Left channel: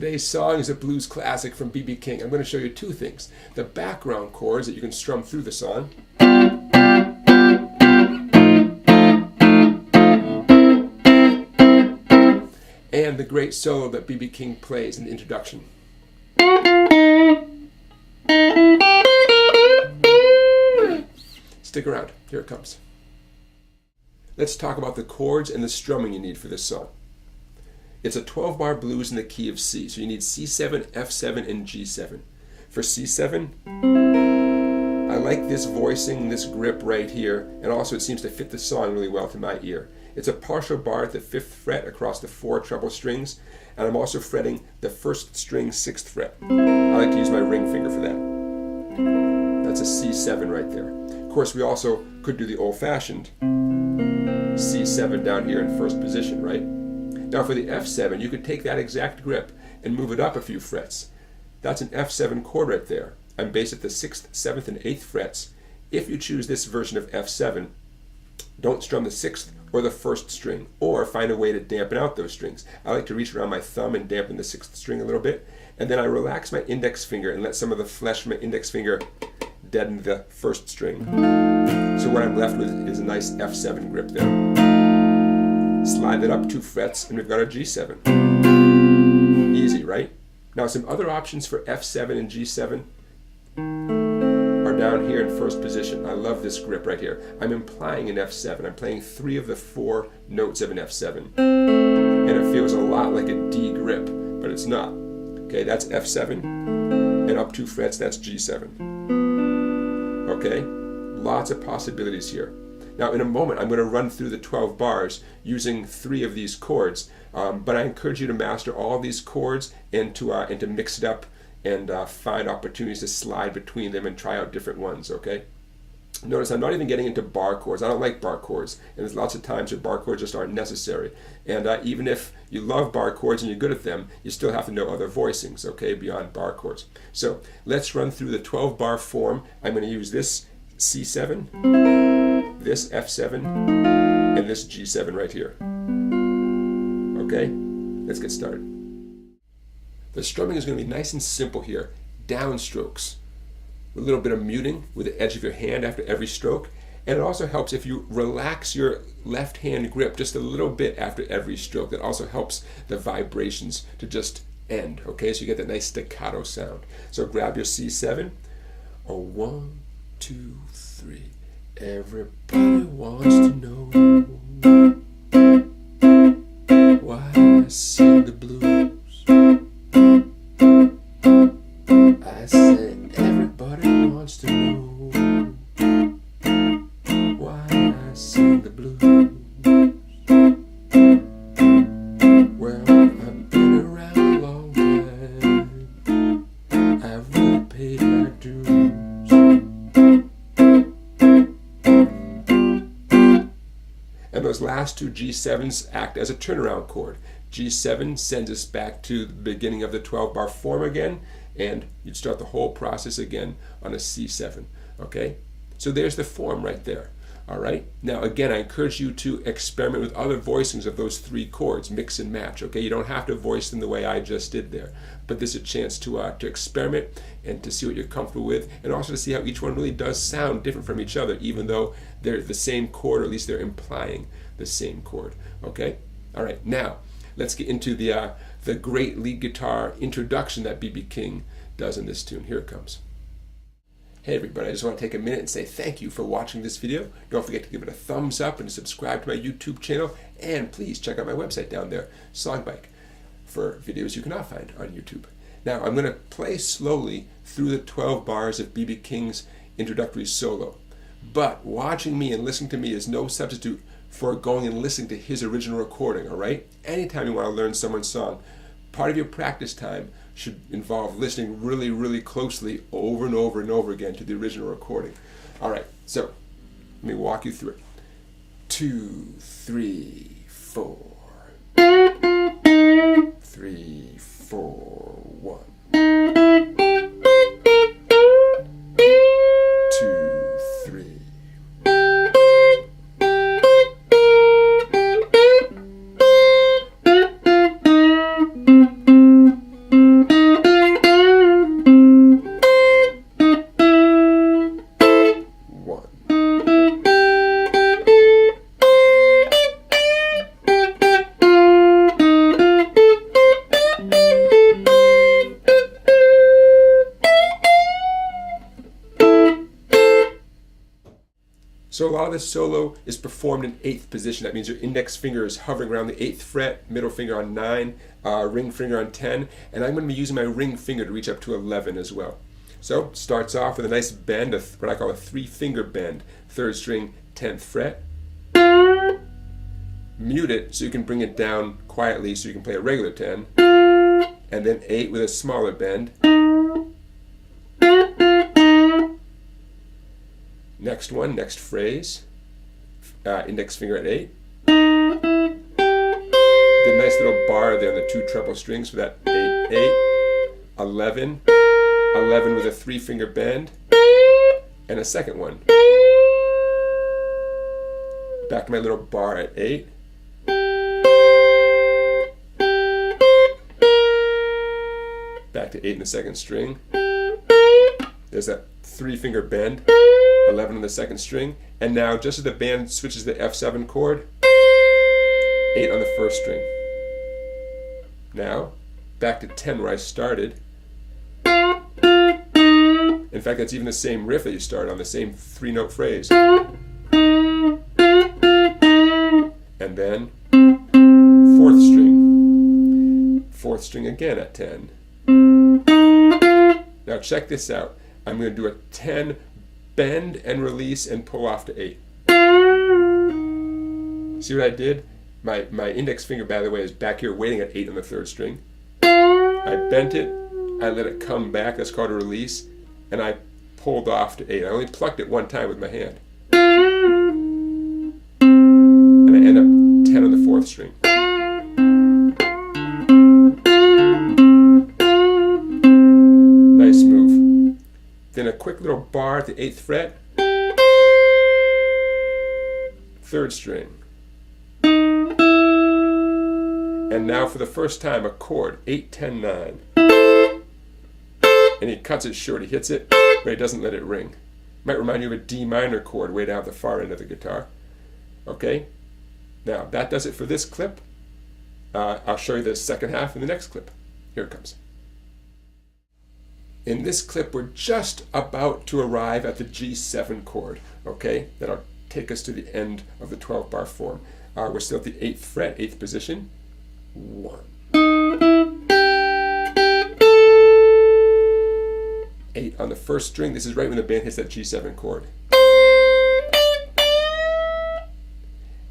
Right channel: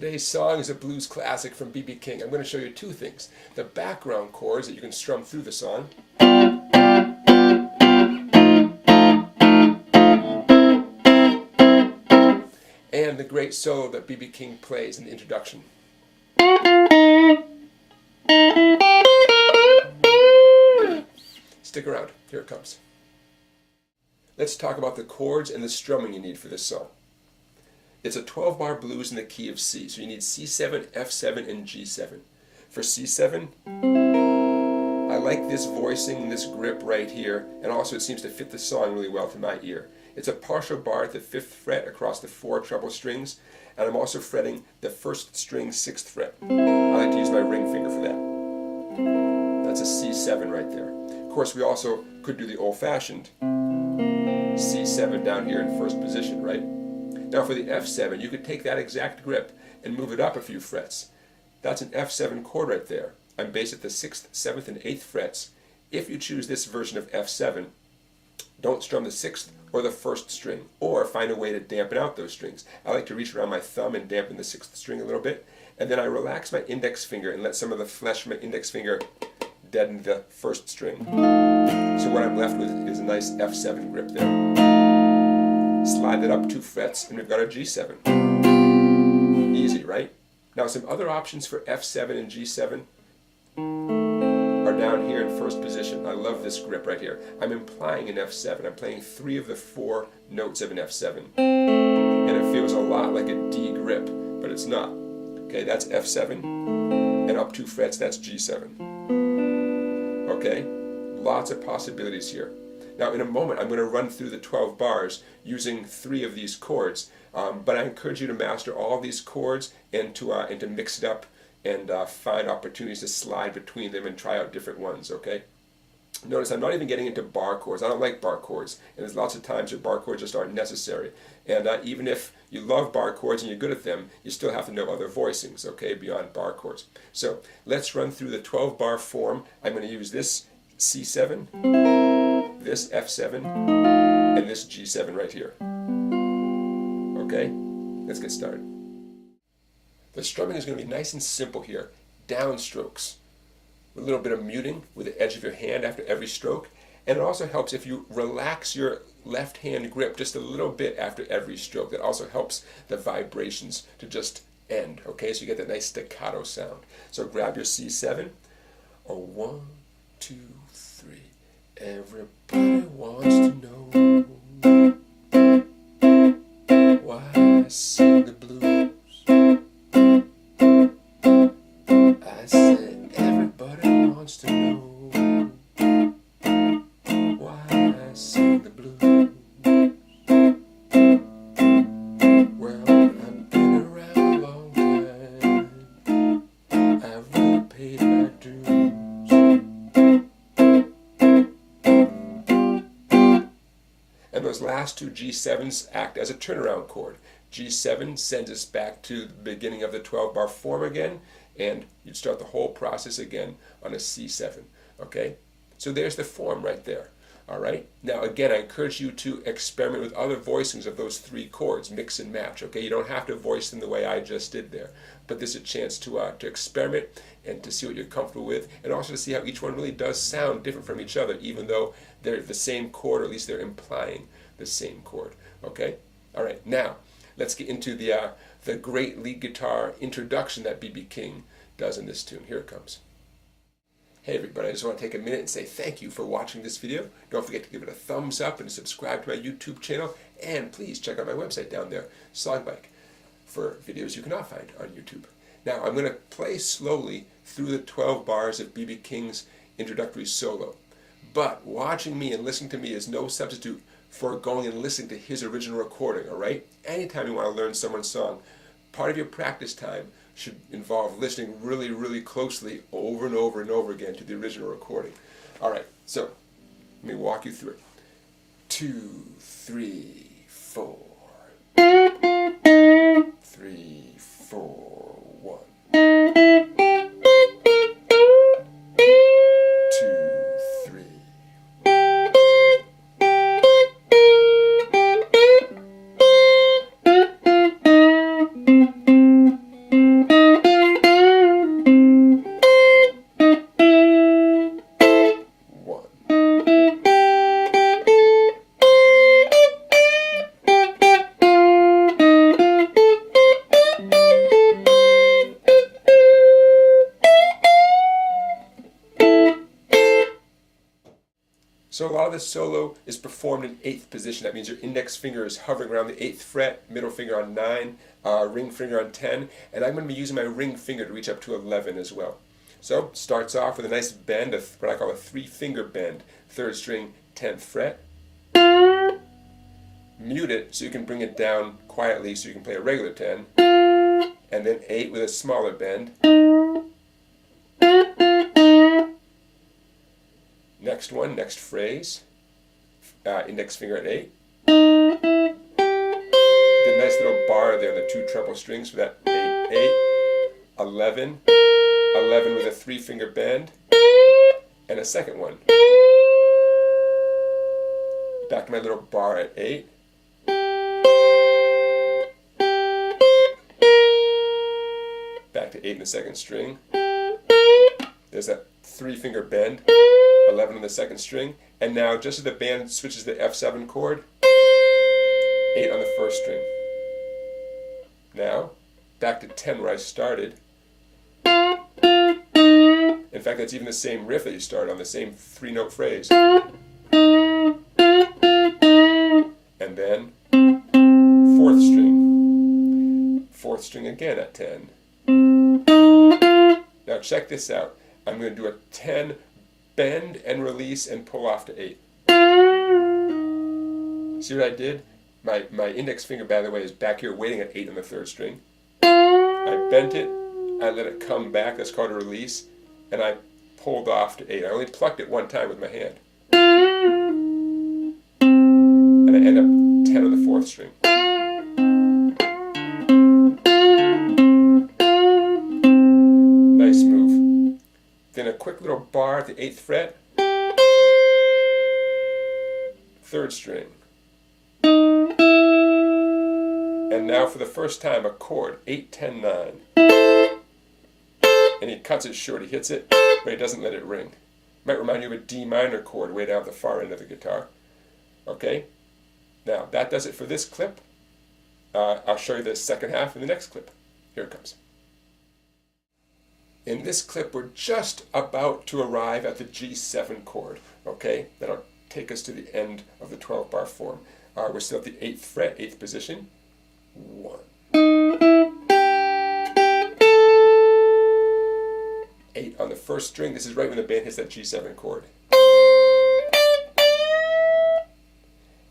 Today's song is a blues classic from B.B. King. I'm going to show you two things. The background chords that you can strum through the song. And the great solo that B.B. King plays in the introduction. Stick around. Here it comes. Let's talk about the chords and the strumming you need for this song. It's a 12-bar blues in the key of C, so you need C7, F7, and G7. For C7, I like this voicing, this grip right here, and also it seems to fit the song really well to my ear. It's a partial bar at the 5th fret across the 4 treble strings, and I'm also fretting the 1st string 6th fret. I like to use my ring finger for that. That's a C7 right there. Of course, we also could do the old-fashioned C7 down here in 1st position, right? Now for the F7, you could take that exact grip and move it up a few frets. That's an F7 chord right there. I'm based at the 6th, 7th, and 8th frets. If you choose this version of F7, don't strum the 6th or the 1st string, or find a way to dampen out those strings. I like to reach around my thumb and dampen the 6th string a little bit, and then I relax my index finger and let some of the flesh from my index finger deaden the 1st string. So what I'm left with is a nice F7 grip there. Slide it up 2 frets and we've got our G7. Easy, right? Now some other options for F7 and G7 are down here in 1st position. I love this grip right here. I'm implying an F7. I'm playing 3 of the 4 notes of an F7. And it feels a lot like a D grip, but it's not. Okay, that's F7, and up 2 frets, that's G7. Okay, lots of possibilities here. Now in a moment I'm going to run through the 12 bars using 3 of these chords, but I encourage you to master all of these chords and to mix it up and find opportunities to slide between them and try out different ones, okay? Notice I'm not even getting into bar chords. I don't like bar chords, and there's lots of times where bar chords just aren't necessary. And even if you love bar chords and you're good at them, you still have to know other voicings, okay, beyond bar chords. So let's run through the 12 bar form. I'm going to use this C7, this F7, and this G7 right here. Okay, let's get started. The strumming is going to be nice and simple here. Downstrokes, a little bit of muting with the edge of your hand after every stroke, and it also helps if you relax your left hand grip just a little bit after every stroke. That also helps the vibrations to just end, okay? So you get that nice staccato sound. So grab your C7. 1, 2, 3. Everybody wants to know why I sing the blues. I said everybody wants to know why I sing the blues. Well, I've been around a long time. I've really paid my dues. And those last 2 G7s act as a turnaround chord. G7 sends us back to the beginning of the 12-bar form again, and you'd start the whole process again on a C7, okay? So there's the form right there, all right? Now, again, I encourage you to experiment with other voicings of those 3 chords, mix and match, okay? You don't have to voice them the way I just did there, but this is a chance to experiment and to see what you're comfortable with, and also to see how each one really does sound different from each other, even though they're the same chord, or at least they're implying the same chord, okay? All right, now, let's get into the great lead guitar introduction that B.B. King does in this tune. Here it comes. Hey everybody, I just want to take a minute and say thank you for watching this video. Don't forget to give it a thumbs up and subscribe to my YouTube channel, and please check out my website down there, Songbike, for videos you cannot find on YouTube. Now I'm going to play slowly through the 12 bars of B.B. King's introductory solo, but watching me and listening to me is no substitute for going and listening to his original recording, all right? Anytime you want to learn someone's song, part of your practice time should involve listening really, really closely over and over and over again to the original recording. All right, so let me walk you through it. 2, 3, 4. 3, 4, 1. 2, 3. lot of the solo is performed in 8th position. That means your index finger is hovering around the 8th fret, middle finger on 9, ring finger on 10, and I'm going to be using my ring finger to reach up to 11 as well. So starts off with a nice bend, what I call a 3-finger bend. 3rd string, 10th fret. Mute it so you can bring it down quietly so you can play a regular 10. And then 8 with a smaller bend. Next one, next phrase, index finger at 8. Get a nice little bar there in the 2 treble strings for that 8, 8, 11, 11 with a 3-finger bend, and a second one. Back to my little bar at 8. Back to 8 in the 2nd string. There's that 3-finger bend, 11 on the 2nd string, and now just as the band switches the F7 chord, 8 on the 1st string. Now, back to 10 where I started. In fact, that's even the same riff that you start on, the same 3-note phrase. And then 4th string. 4th string again at 10. Now check this out. I'm going to do a 10, bend and release and pull off to 8. See what I did? My index finger, by the way, is back here waiting at 8 on the 3rd string. I bent it, I let it come back, that's called a release, and I pulled off to 8. I only plucked it one time with my hand. And I end up 10 on the 4th string. Nice move. Then a quick little bar at the 8th fret, 3rd string. And now for the first time a chord, 8, 10, 9. And he cuts it short, he hits it, but he doesn't let it ring. Might remind you of a D minor chord way down at the far end of the guitar. Okay? Now that does it for this clip. I'll show you the second half in the next clip. Here it comes. In this clip, we're just about to arrive at the G7 chord, okay? That'll take us to the end of the 12-bar form. We're still at the 8th fret, 8th position. 1. 8 on the 1st string. This is right when the band hits that G7 chord.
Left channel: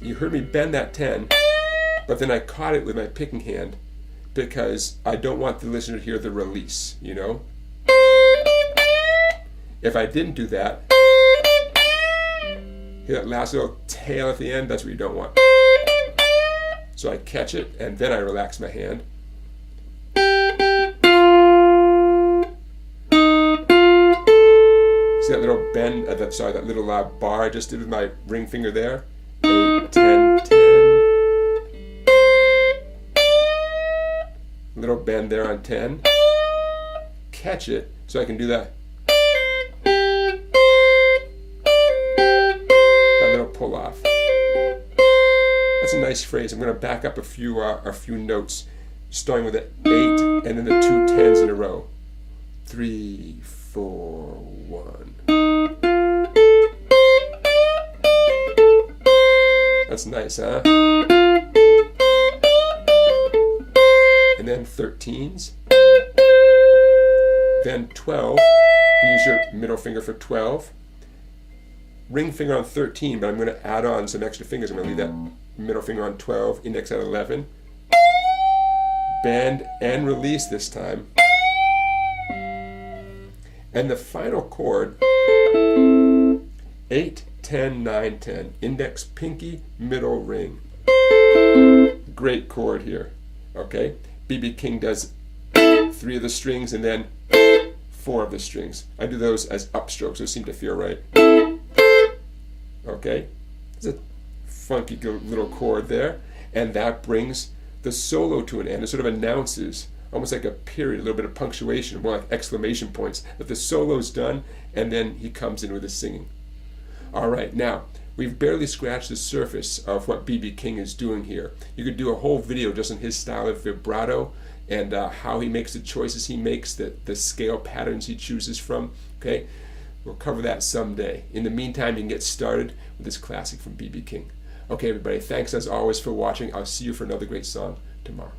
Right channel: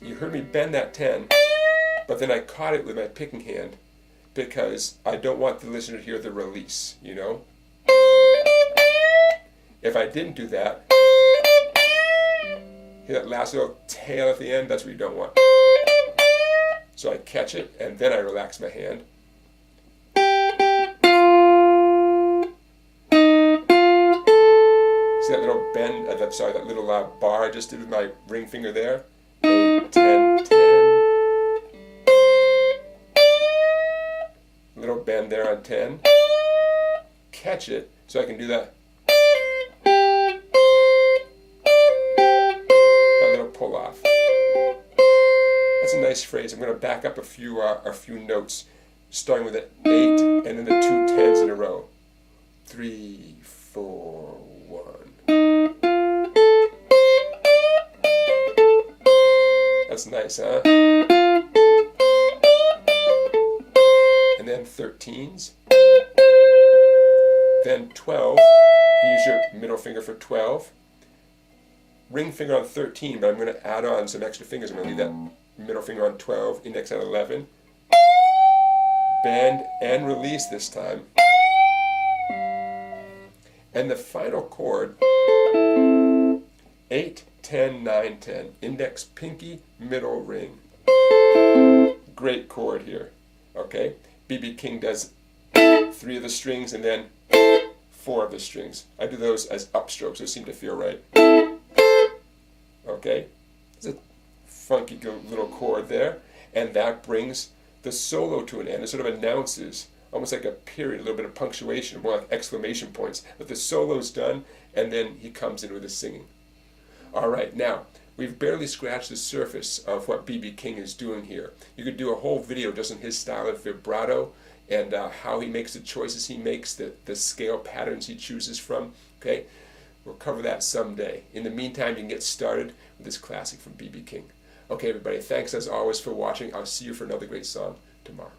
You heard me bend that 10, but then I caught it with my picking hand because I don't want the listener to hear the release, you know? If I didn't do that, hear that last little tail at the end, that's what you don't want. So I catch it, and then I relax my hand. See that little bend, that little bar I just did with my ring finger there? 8, 10, 10. Little bend there on 10. Catch it, so I can do that. Pull off. That's a nice phrase. I'm going to back up a few notes, starting with an 8 and then the 2 10s in a row. 3, 4, 1. That's nice, huh? And then 13s. Then 12. Use your middle finger for 12. Ring finger on 13, but I'm going to add on some extra fingers. I'm going to leave that middle finger on 12, index at 11. Bend and release this time. And the final chord, 8, 10, 9, 10. Index, pinky, middle, ring. Great chord here. Okay? B.B. King does 3 of the strings and then 4 of the strings. I do those as upstrokes. Those seem to feel right. Okay, it's a funky little chord there, and that brings the solo to an end. It sort of announces, almost like a period, a little bit of punctuation, more like exclamation points, that the solo's done, and then he comes in with his singing. All right, now, we've barely scratched the surface of what B.B. King is doing here. You could do a whole video just on his style of vibrato, and how he makes the choices he makes, the scale patterns he chooses from, okay? We'll cover that someday. In the meantime, you can get started with this classic from B.B. King. Okay, everybody, thanks as always for watching. I'll see you for another great song tomorrow.